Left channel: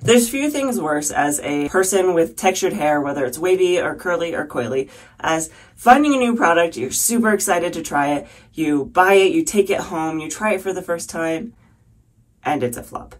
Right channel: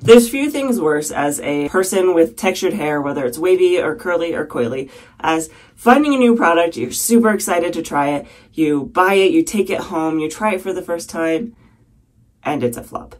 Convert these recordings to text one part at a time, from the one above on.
There's few things worse as a person with textured hair, whether it's wavy or curly or coily, as finding a new product, you're super excited to try it, you buy it, you take it home, you try it for the first time, and it's a flop.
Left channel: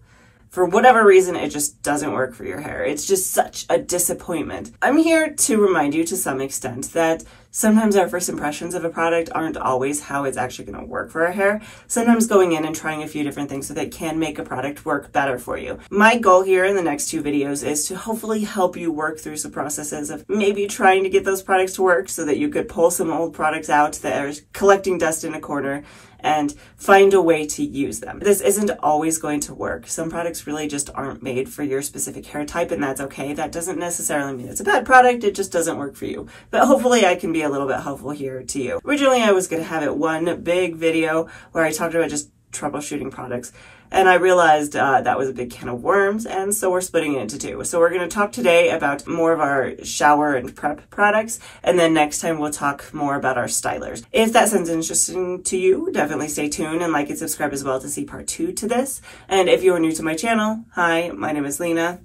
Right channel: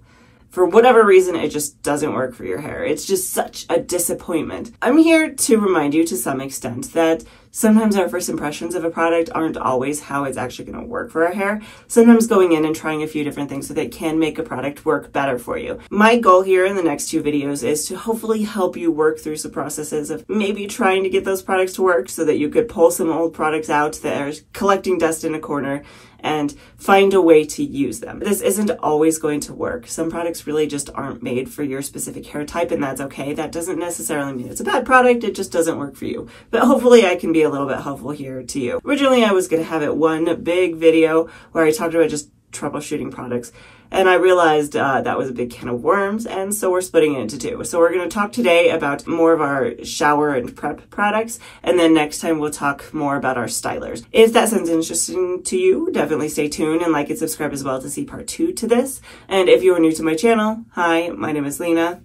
For whatever reason, it just doesn't work for your hair. It's just such a disappointment. I'm here to remind you to some extent that sometimes our first impressions of a product aren't always how it's actually going to work for our hair. Sometimes going in and trying a few different things so that can make a product work better for you. My goal here in the next 2 videos is to hopefully help you work through some processes of maybe trying to get those products to work so that you could pull some old products out that are collecting dust in a corner and find a way to use them. This isn't always going to work. Some products really just aren't made for your specific hair type, and that's okay. That doesn't necessarily mean it's a bad product, it just doesn't work for you. But hopefully I can be a little bit helpful here to you. Originally I was gonna have it one big video where I talked about just troubleshooting products, and I realized that was a big can of worms, and so we're splitting it into 2. So we're going to talk today about more of our shower and prep products, and then next time we'll talk more about our stylers. If that sounds interesting to you, definitely stay tuned and like and subscribe as well to see part 2 to this. And if you are new to my channel, hi, my name is Lena,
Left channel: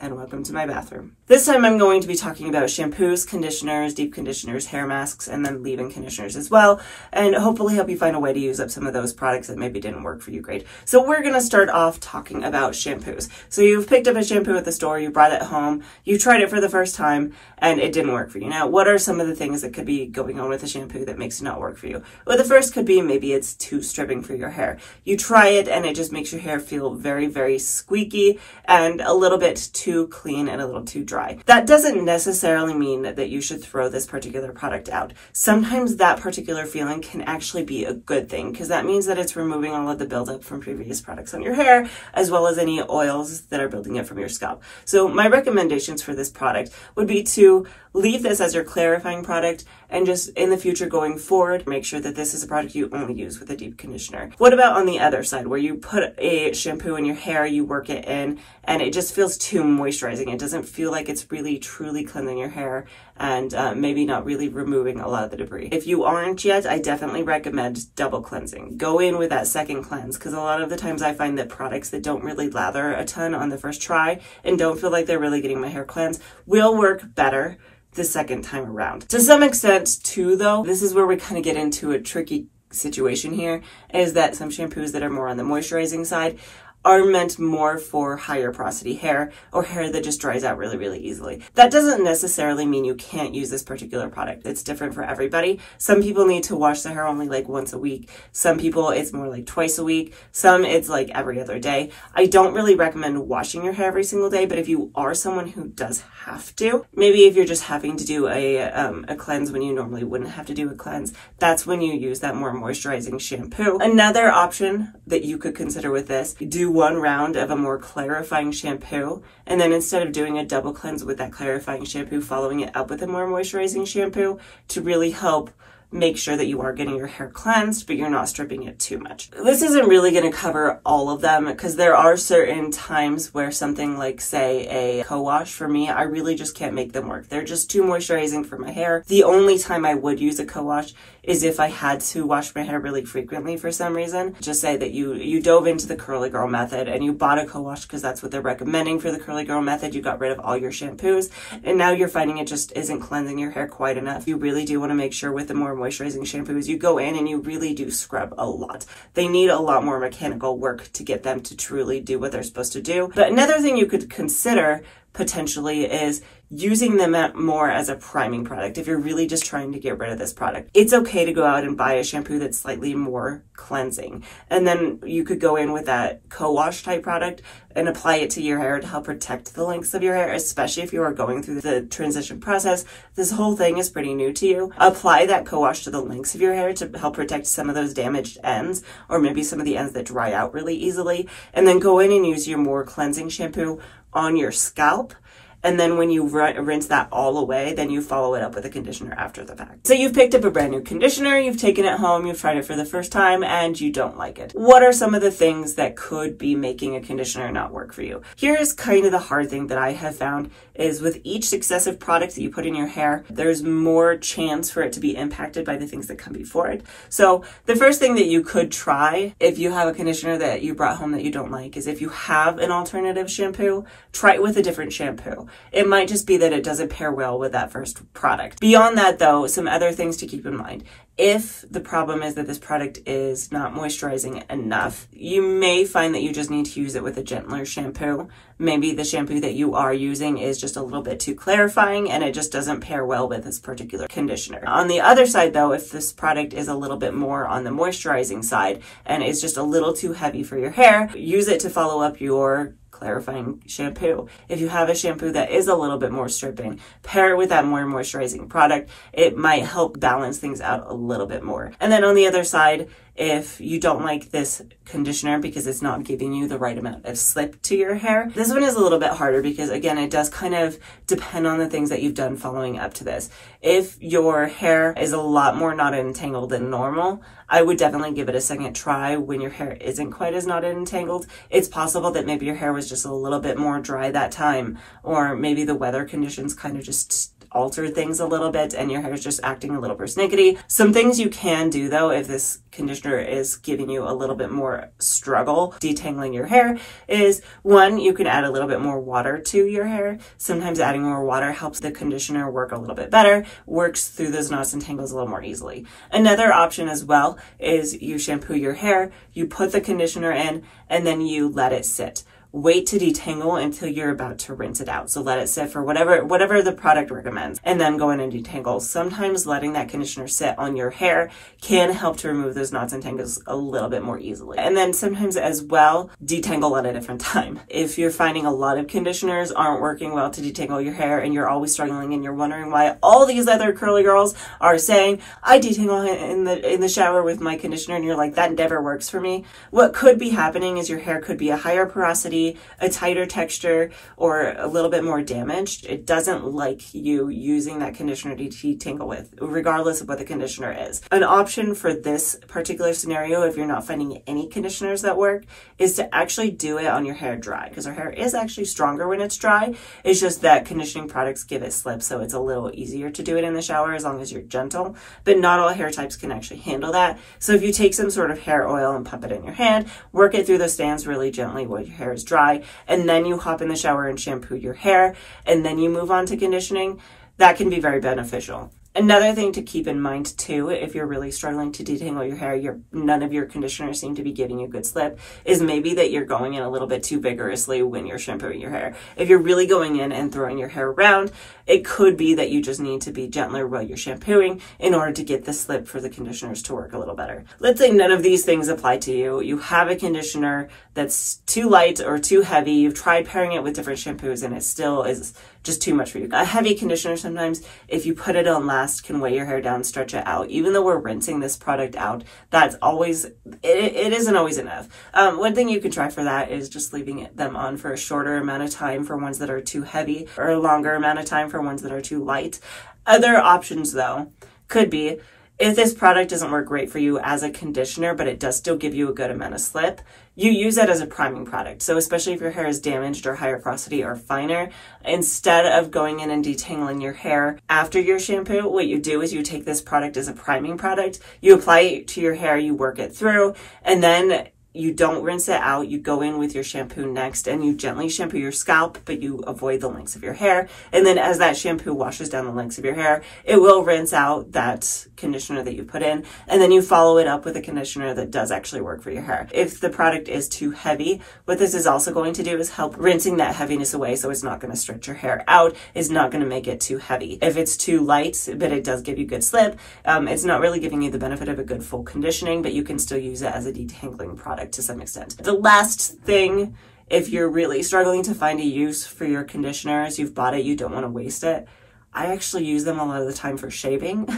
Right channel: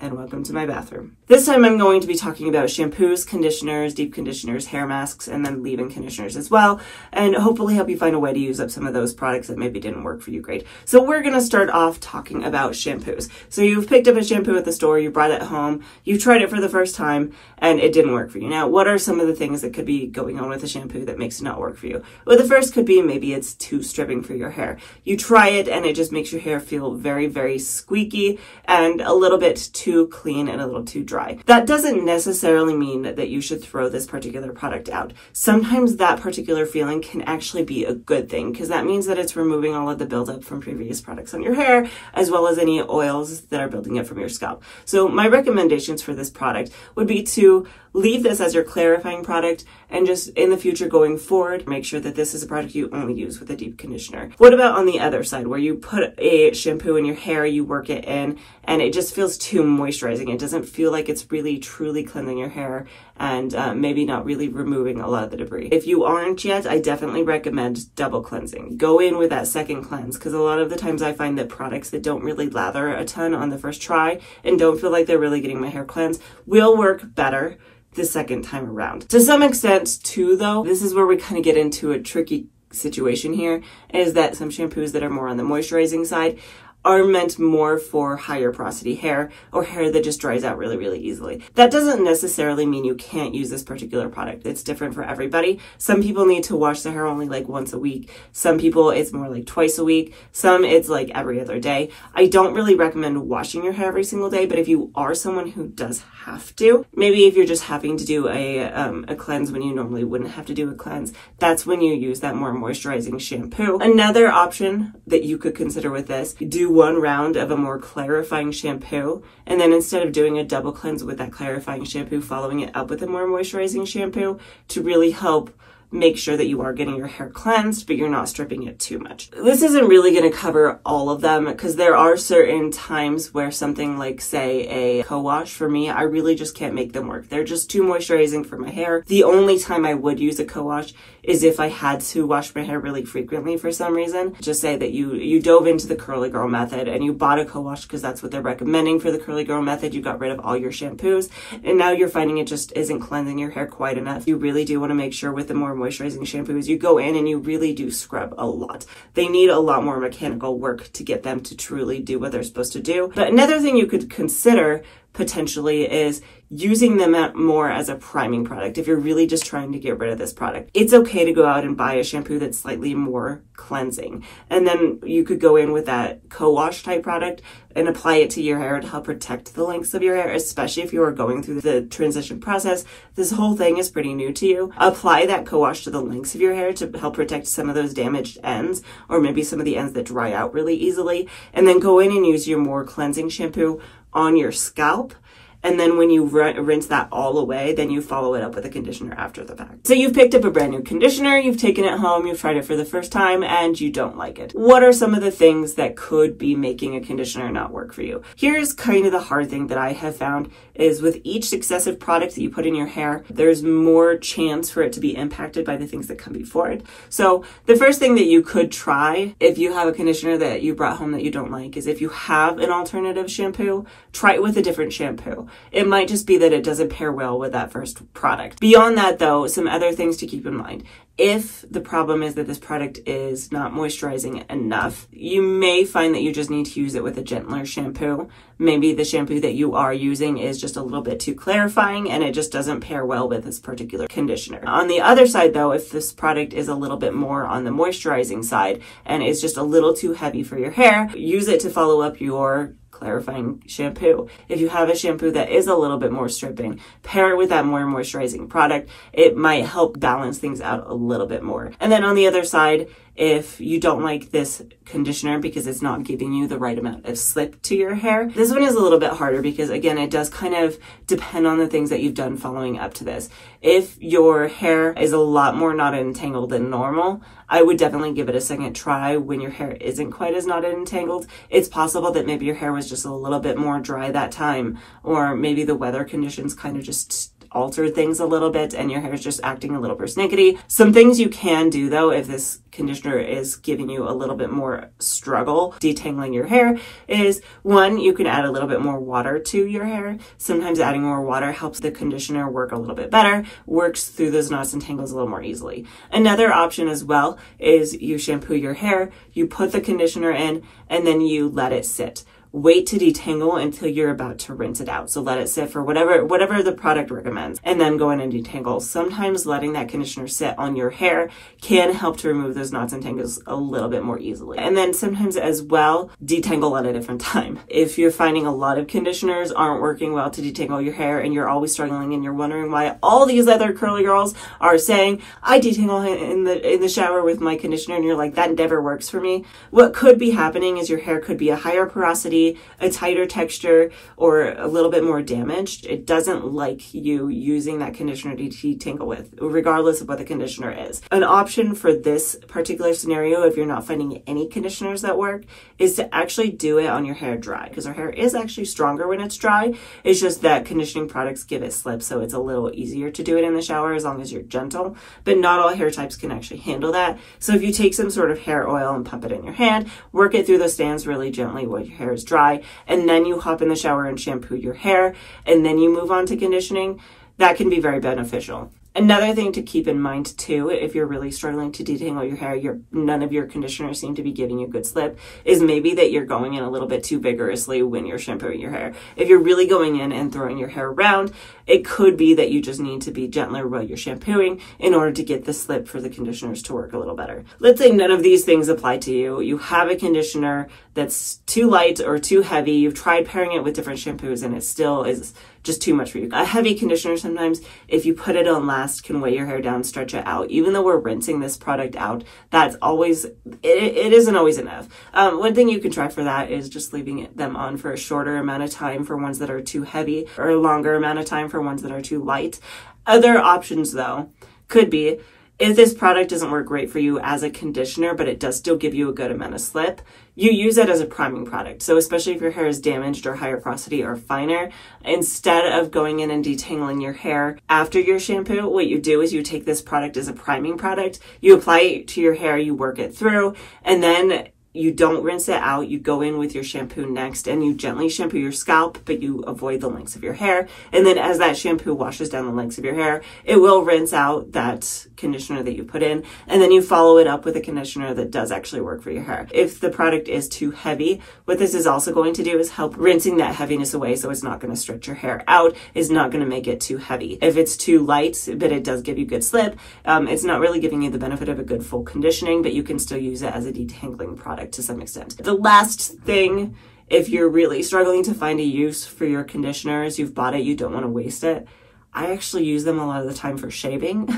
and welcome to my bathroom. This time I'm going to be talking about shampoos, conditioners, deep conditioners, hair masks, and then leave-in conditioners as well, and hopefully help you find a way to use up some of those products that maybe didn't work for you great. So we're gonna start off talking about shampoos. So you've picked up a shampoo at the store, you brought it home, you tried it for the first time, and it didn't work for you. Now, what are some of the things that could be going on with a shampoo that makes it not work for you? Well, the first could be maybe it's too stripping for your hair. You try it and it just makes your hair feel very, very squeaky and a little bit too clean and a little too dry. That doesn't necessarily mean that you should throw this particular product out. Sometimes that particular feeling can actually be a good thing because that means that it's removing all of the buildup from previous products on your hair as well as any oils that are building up from your scalp. So my recommendations for this product would be to leave this as your clarifying product and just in the future going forward, make sure that this is a product you only use with a deep conditioner. What about on the other side where you put a shampoo in your hair, you work it in, and it just feels too moisturizing. It doesn't feel like it's really truly cleansing your hair and maybe not really removing a lot of the debris. If you aren't yet, I definitely recommend double cleansing. Go in with that second cleanse because a lot of the times I find that products that don't really lather a ton on the first try and don't feel like they're really getting my hair cleansed will work better the second time around. To some extent too though, this is where we kind of get into a tricky situation here, is that some shampoos that are more on the moisturizing side are meant more for higher porosity hair or hair that just dries out really, really easily. That doesn't necessarily mean you can't use this particular product. It's different for everybody. Some people need to wash their hair only like once a week. Some people it's more like twice a week. Some it's like every other day. I don't really recommend washing your hair every single day, but if you are someone who does have to, maybe if you're just having to do a cleanse when you normally wouldn't have to do a cleanse, that's when you use that more moisturizing shampoo. Another option that you could consider with this, do 1 round of a more clarifying shampoo, and then instead of doing a double cleanse with that clarifying shampoo, following it up with a more moisturizing shampoo to really help make sure that you are getting your hair cleansed, but you're not stripping it too much. This isn't really going to cover all of them because there are certain times where something like, say, a co-wash for me, I really just can't make them work. They're just too moisturizing for my hair. The only time I would use a co-wash is if I had to wash my hair really frequently for some reason. Just say that you dove into the curly girl method and you bought a co-wash because that's what they're recommending for the curly girl method. You got rid of all your shampoos and now you're finding it just isn't cleansing your hair quite enough. You really do want to make sure with the more moisturizing shampoos, you go in and you really do scrub a lot. They need a lot more mechanical work to get them to truly do what they're supposed to do. But another thing you could consider potentially is using them more as a priming product if you're really just trying to get rid of this product. It's okay to go out and buy a shampoo that's slightly more cleansing. And then you could go in with that co-wash type product and apply it to your hair to help protect the lengths of your hair, especially if you are going through the transition process. This whole thing is pretty new to you. Apply that co-wash to the lengths of your hair to help protect some of those damaged ends, or maybe some of the ends that dry out really easily. And then go in and use your more cleansing shampoo on your scalp And then when you rinse that all away, then you follow it up with a conditioner after the fact. So you've picked up a brand new conditioner, you've taken it home, you've tried it for the first time, and you don't like it. What are some of the things that could be making a conditioner not work for you? Here's kind of the hard thing that I have found is with each successive product that you put in your hair, there's more chance for it to be impacted by the things that come before it. So the first thing that you could try if you have a conditioner that you brought home that you don't like is if you have an alternative shampoo, try it with a different shampoo. It might just be that it doesn't pair well with that first product. Beyond that though, some other things to keep in mind. If the problem is that this product is not moisturizing enough, you may find that you just need to use it with a gentler shampoo. Maybe the shampoo that you are using is just a little bit too clarifying and it just doesn't pair well with this particular conditioner. On the other side though, if this product is a little bit more on the moisturizing side and is just a little too heavy for your hair, use it to follow up your clarifying shampoo. If you have a shampoo that is a little bit more stripping, pair it with that more moisturizing product. It might help balance things out a little bit more. And then on the other side, if you don't like this conditioner because it's not giving you the right amount of slip to your hair, this one is a little bit harder because again, it does kind of depend on the things that you've done following up to this. If your hair is a lot more knotted and tangled than normal, I would definitely give it a second try when your hair isn't quite as knotted and tangled. It's possible that maybe your hair was just a little bit more dry that time, or maybe the weather conditions kind of just alter things a little bit and your hair is just acting a little persnickety. Some things you can do though, if this conditioner is giving you a little bit more struggle detangling your hair, is one, you can add a little bit more water to your hair. Sometimes adding more water helps the conditioner work a little bit better, works through those knots and tangles a little more easily. Another option as well is you shampoo your hair, you put the conditioner in, and then you let it sit. Wait to detangle until you're about to rinse it out. So let it sit for whatever the product recommends, and then go in and detangle. Sometimes letting that conditioner sit on your hair can help to remove those knots and tangles a little bit more easily. And then sometimes as well, detangle at a different time. If you're finding a lot of conditioners aren't working well to detangle your hair and you're always struggling and you're wondering why all these other curly girls are saying, I detangle in the shower with my conditioner, and you're like, that never works for me. What could be happening is your hair could be a higher porosity, a tighter texture, or a little bit more damaged. It doesn't like you using that conditioner to detangle with, regardless of what the conditioner is. An option for this particular scenario, if you're not finding any conditioners that work, is to actually do it on your hair dry, because our hair is actually stronger when it's dry. It's just that conditioning products give it slip, so it's a little easier to do it in the shower as long as you're gentle, but not all hair types can actually handle that. So if you take some sort of hair oil and pump it in your hand, work it through the strands really gently while your hair is dry, and then you hop in the shower and shampoo your hair, and then you move on to conditioning, that can be very beneficial. Another thing to keep in mind too, if you're really struggling to detangle your hair, none of your conditioners seem to be giving you good slip, is maybe that you're going in a little bit too vigorously when you're shampooing your hair. If you're really going in and throwing your hair around, it could be that you just need to be gentler while you're shampooing in order to get the slip for the conditioners to work a little better. Let's say none of these things apply to you. You have a conditioner that's too light or too heavy. You've tried pairing it with different shampoos and it still is just too much for you. A heavy conditioner sometimes, if you put it on last, can weigh your hair down, stretch it out. Even though we're rinsing this product out, that's always, it isn't always enough. One thing you can try for that is just leaving them on for a shorter amount of time for ones that are too heavy, or a longer amount of time for ones that are too light. Other options though could be, if this product doesn't work great for you as a conditioner, but it does still give you a good amount of slip, you use it as a priming product. So especially if your hair is damaged or higher porosity or finer, instead of going in and detangling your hair after your shampoo, what you do is you take this product as a priming product, you apply it to your hair, you work it through, and then you don't rinse it out. You go in with your shampoo next and you gently shampoo your scalp, but you avoid the lengths of your hair. And then as that shampoo washes down the lengths of your hair, it will rinse out that conditioner that you put in. And then you follow it up with a conditioner that does actually work for your hair. If the product is too heavy, what this is also going to do is help rinsing that heaviness away, so it's not going to stretch your hair out. It's not going to make it too heavy. If it's too light, but it does give you good slip, it's not really giving you the benefit of a good full conditioning, but you can still use it as a detangling product to some extent. The last thing, if you're really struggling to find a use for your conditioners, you've bought it, you don't want to waste it, I actually use them a lot of the time for shaving.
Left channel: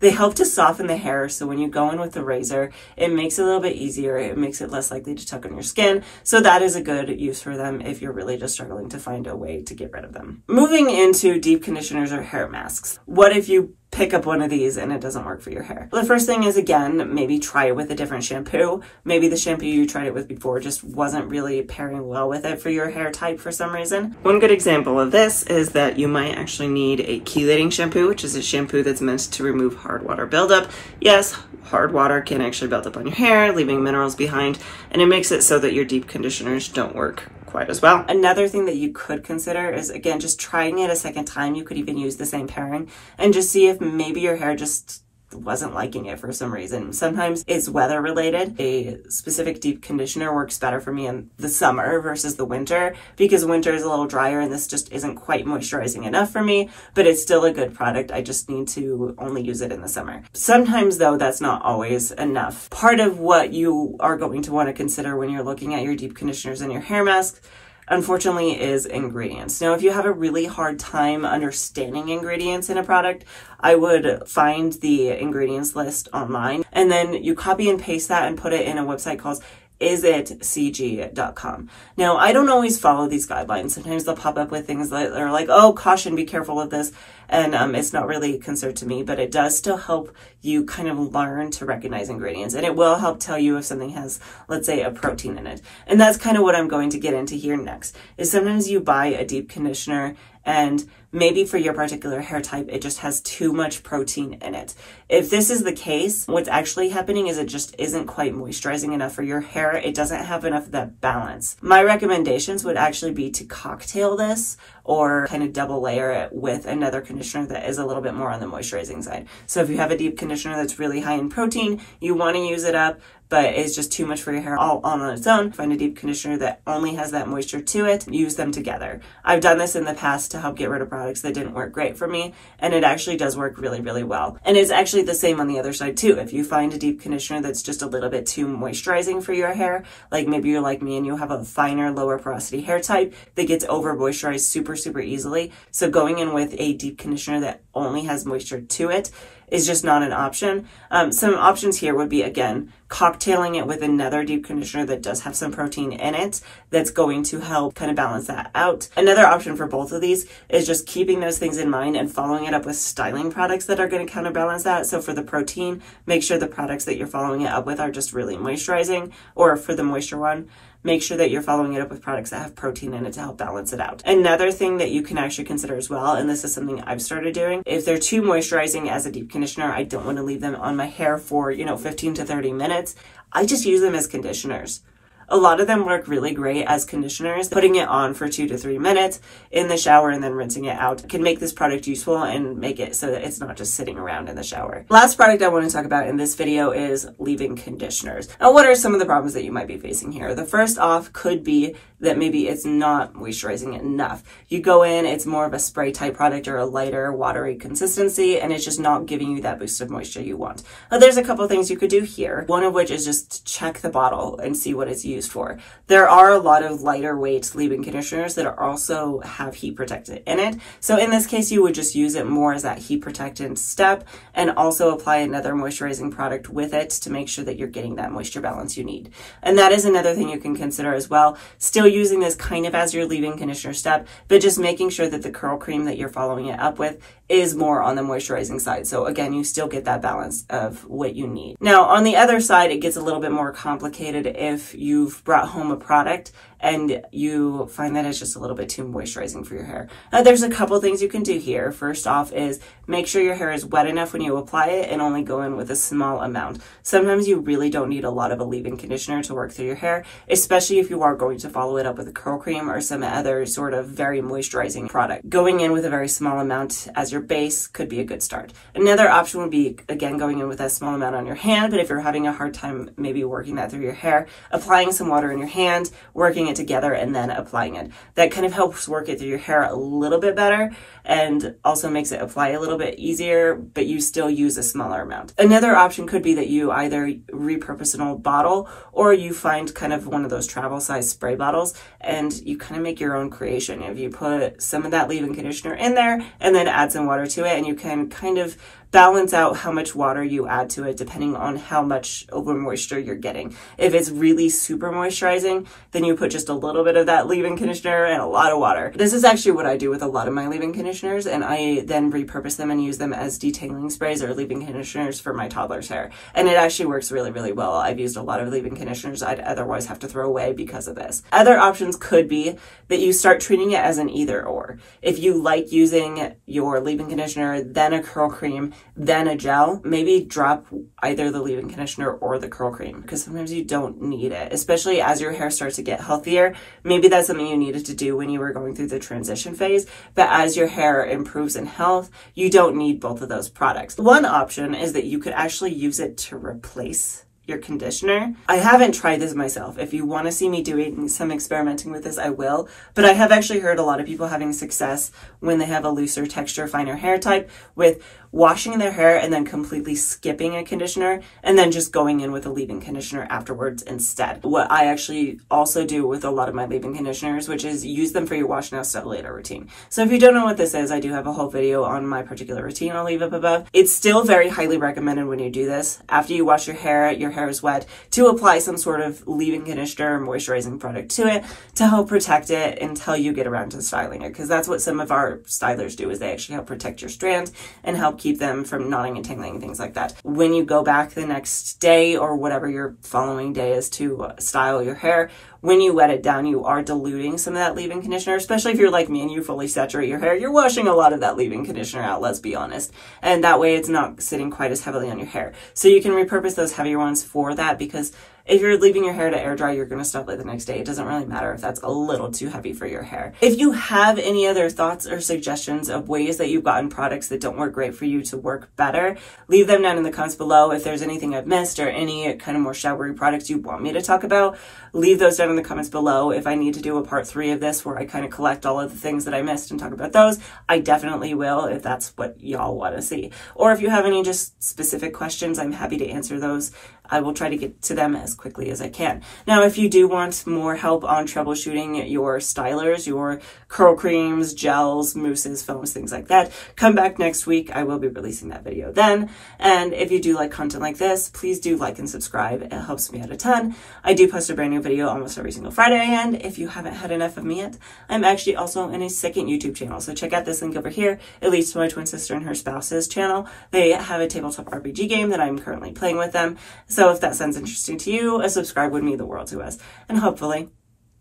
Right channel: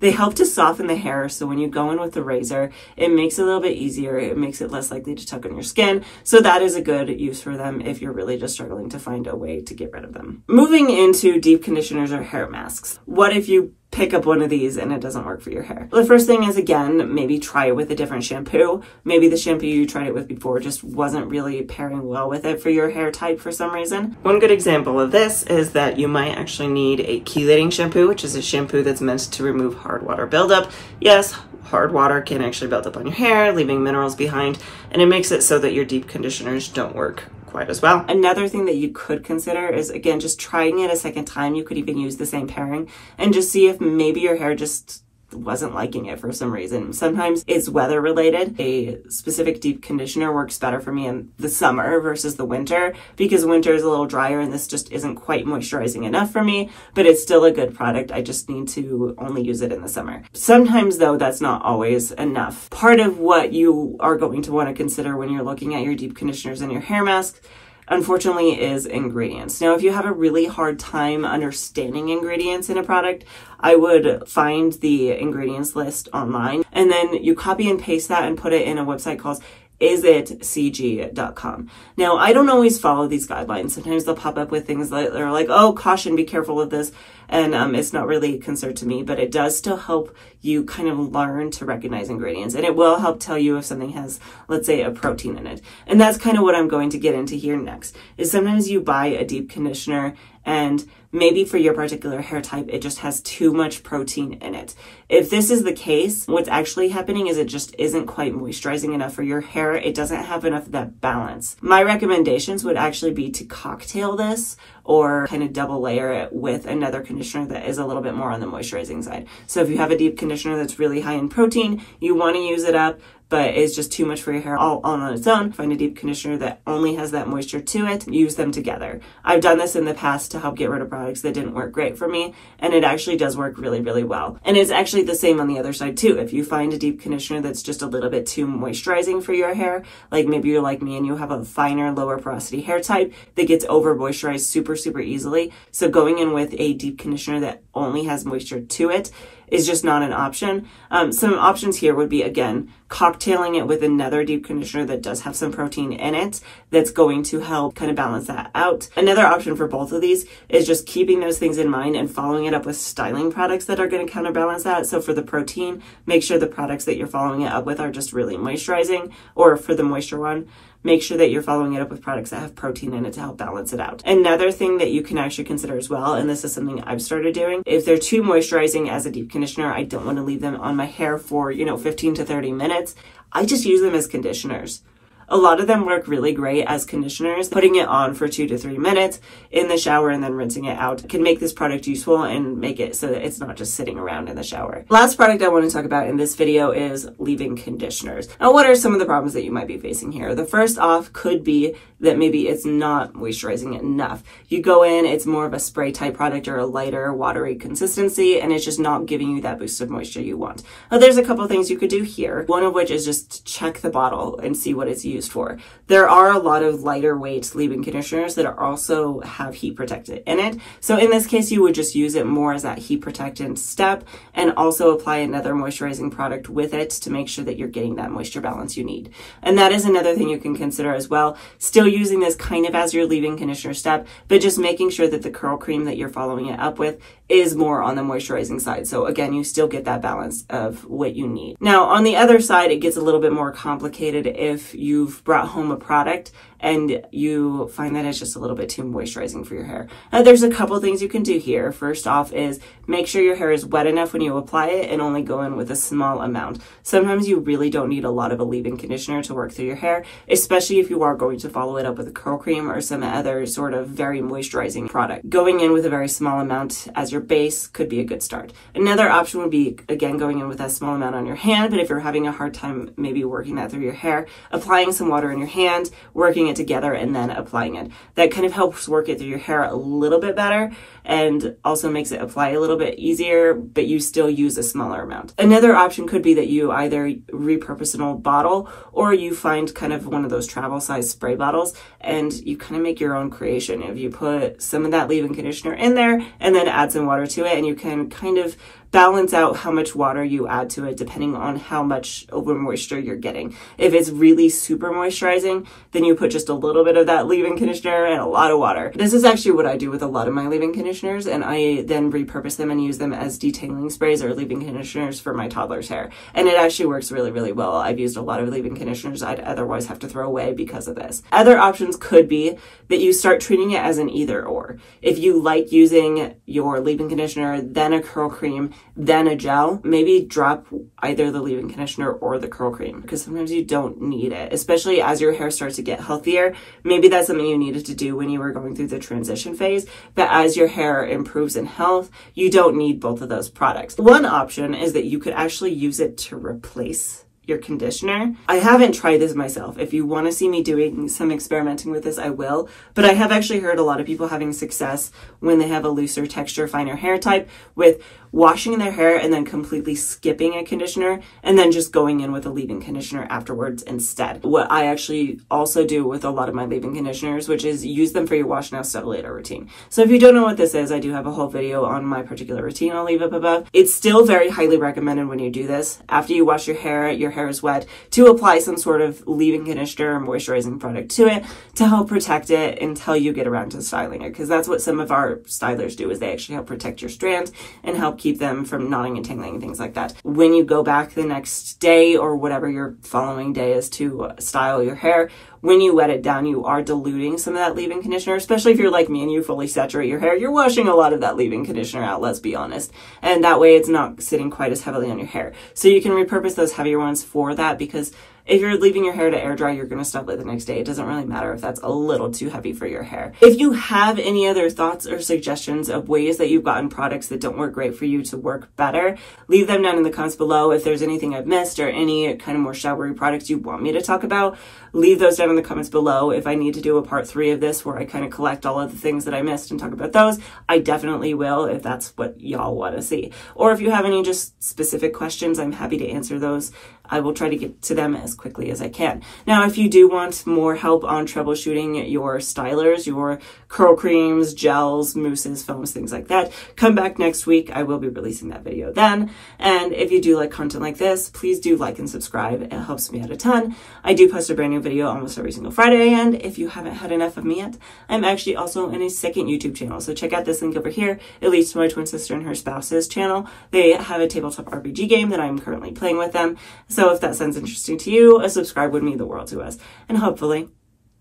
They help to soften the hair, so when you go in with the razor, it makes it a little bit easier. It makes it less likely to tug on your skin. So that is a good use for them if you're really just struggling to find a way to get rid of them. Moving into deep conditioners or hair masks. What if you pick up one of these and it doesn't work for your hair? The first thing is, again, maybe try it with a different shampoo. Maybe the shampoo you tried it with before just wasn't really pairing well with it for your hair type for some reason. One good example of this is that you might actually need a chelating shampoo, which is a shampoo that's meant to remove hard water buildup. Yes, hard water can actually build up on your hair, leaving minerals behind, and it makes it so that your deep conditioners don't work quite as well. Another thing that you could consider is, again, just trying it a second time. You could even use the same pairing and just see if maybe your hair just wasn't liking it for some reason. Sometimes it's weather related. A specific deep conditioner works better for me in the summer versus the winter, because winter is a little drier and this just isn't quite moisturizing enough for me, but it's still a good product. I just need to only use it in the summer. Sometimes though, that's not always enough. Part of what you are going to want to consider when you're looking at your deep conditioners and your hair masks, unfortunately, is ingredients. Now, if you have a really hard time understanding ingredients in a product, I would find the ingredients list online, and then you copy and paste that and put it in a website called isitcg.com. Now, I don't always follow these guidelines. Sometimes they'll pop up with things that are like, oh, caution, be careful of this. And it's not really a concern to me, but it does still help you kind of learn to recognize ingredients. And it will help tell you if something has, let's say, a protein in it. And that's kind of what I'm going to get into here next, is sometimes you buy a deep conditioner and maybe for your particular hair type, it just has too much protein in it. If this is the case, what's actually happening is it just isn't quite moisturizing enough for your hair. It doesn't have enough of that balance. My recommendations would actually be to cocktail this or kind of double layer it with another conditioner that is a little bit more on the moisturizing side. So if you have a deep conditioner that's really high in protein, you want to use it up, but it's just too much for your hair all on its own, find a deep conditioner that only has that moisture to it, use them together. I've done this in the past to help get rid of products that didn't work great for me, and it actually does work really, really well. And it's actually the same on the other side too. If you find a deep conditioner that's just a little bit too moisturizing for your hair, like maybe you're like me and you have a finer, lower porosity hair type that gets over moisturized super, super easily. So going in with a deep conditioner that only has moisture to it is just not an option. Some options here would be, again, cocktailing it with another deep conditioner that does have some protein in it that's going to help kind of balance that out. Another option for both of these is just keeping those things in mind and following it up with styling products that are going to counterbalance that. So for the protein, make sure the products that you're following it up with are just really moisturizing, or for the moisture one, make sure that you're following it up with products that have protein in it to help balance it out. Another thing that you can actually consider as well, and this is something I've started doing, if they're too moisturizing as a deep conditioner, I don't want to leave them on my hair for, 15 to 30 minutes. I just use them as conditioners. A lot of them work really great as conditioners. Putting it on for 2 to 3 minutes in the shower and then rinsing it out can make this product useful and make it so that it's not just sitting around in the shower. Last product I want to talk about in this video is leave-in conditioners. Now, what are some of the problems that you might be facing here? The first off could be that maybe it's not moisturizing enough. You go in, it's more of a spray type product or a lighter, watery consistency, and it's just not giving you that boost of moisture you want. Now, there's a couple of things you could do here. One of which is just check the bottle and see what it's used for. There are a lot of lighter weight leave-in conditioners that are also have heat protectant in it. So in this case, you would just use it more as that heat protectant step and also apply another moisturizing product with it to make sure that you're getting that moisture balance you need. And that is another thing you can consider as well. Still using this kind of as your leave-in conditioner step, but just making sure that the curl cream that you're following it up with is more on the moisturizing side. So again, you still get that balance of what you need. Now, on the other side, it gets a little bit more complicated if you've brought home a product and you find that it's just a little bit too moisturizing for your hair. Now, there's a couple things you can do here. First off is make sure your hair is wet enough when you apply it and only go in with a small amount. Sometimes you really don't need a lot of a leave-in conditioner to work through your hair, especially if you are going to follow it up with a curl cream or some other sort of very moisturizing product. Going in with a very small amount as your base could be a good start. Another option would be, again, going in with a small amount on your hand, but if you're having a hard time maybe working that through your hair, applying some water in your hand, working it together, and then applying it. That kind of helps work it through your hair a little bit better and also makes it apply a little bit easier, but you still use a smaller amount. Another option could be that you either repurpose an old bottle or you find kind of one of those travel size spray bottles and you kind of make your own creation. If you put some of that leave-in conditioner in there and then add some water to it, and you can kind of balance out how much water you add to it depending on how much over moisture you're getting. If it's really super moisturizing, then you put just a little bit of that leave-in conditioner and a lot of water. This is actually what I do with a lot of my leave-in conditioners, and I then repurpose them and use them as detangling sprays or leave-in conditioners for my toddler's hair. And it actually works really, really well. I've used a lot of leave-in conditioners I'd otherwise have to throw away because of this. Other options could be that you start treating it as an either or. If you like using your leave-in conditioner, then a curl cream, then a gel, maybe drop either the leave-in conditioner or the curl cream, because sometimes you don't need it, especially as your hair starts to get healthier. Maybe that's something you needed to do when you were going through the transition phase, but as your hair improves in health, you don't need both of those products. One option is that you could actually use it to replace your conditioner. I haven't tried this myself. If you want to see me doing some experimenting with this, I will. But I have actually heard a lot of people having success when they have a looser texture, finer hair type with washing their hair and then completely skipping a conditioner and then just going in with a leave-in conditioner afterwards instead. What I actually also do with a lot of my leave-in conditioners, which is use them for your wash now, style later routine. So if you don't know what this is, I do have a whole video on my particular routine I'll leave up above. It's still very highly recommended when you do this. After you wash your hair is wet, to apply some sort of leave-in conditioner or moisturizing product to it to help protect it until you get around to styling it, because that's what some of our stylers do, is they actually help protect your strands and help keep them from knotting and tangling and things like that. When you go back the next day or whatever your following day is to style your hair, when you wet it down, you are diluting some of that leave-in conditioner, especially if you're like me and you fully saturate your hair. You're washing a lot of that leave-in conditioner out, let's be honest. And that way it's not sitting quite as heavily on your hair. So you can repurpose those heavier ones for that, because if you're leaving your hair to air dry, you're going to style it the next day. It doesn't really matter if that's a little too heavy for your hair. If you have any other thoughts or suggestions of ways that you've gotten products that don't work great for you to work better, leave them down in the comments below. If there's anything I've missed or any kind of more showery products you want me to talk about, leave those down in the comments below. If I need to do a part 3 of this where I kind of collect all of the things that I missed and talk about those, I definitely will, if that's what y'all want to see. Or if you have any just specific questions, I'm happy to answer those. I will try to get to them as quickly as I can. Now, if you do want more help on troubleshooting your stylers, your curl creams, gels, mousses, foams, things like that, come back next week. I will be releasing that video then. And if you do like content like this, please do like and subscribe. It helps me out a ton. I do post a brand new video almost every single Friday. And if you haven't had enough of me yet, I'm actually also in a second YouTube channel. So check out this link over here. It leads to my twin sister and her spouse's channel. They have a tabletop RPG game that I'm currently playing with them. So if that sounds interesting to you, a subscribe would mean the world to us. And hopefully,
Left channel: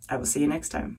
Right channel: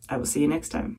I will see you next time.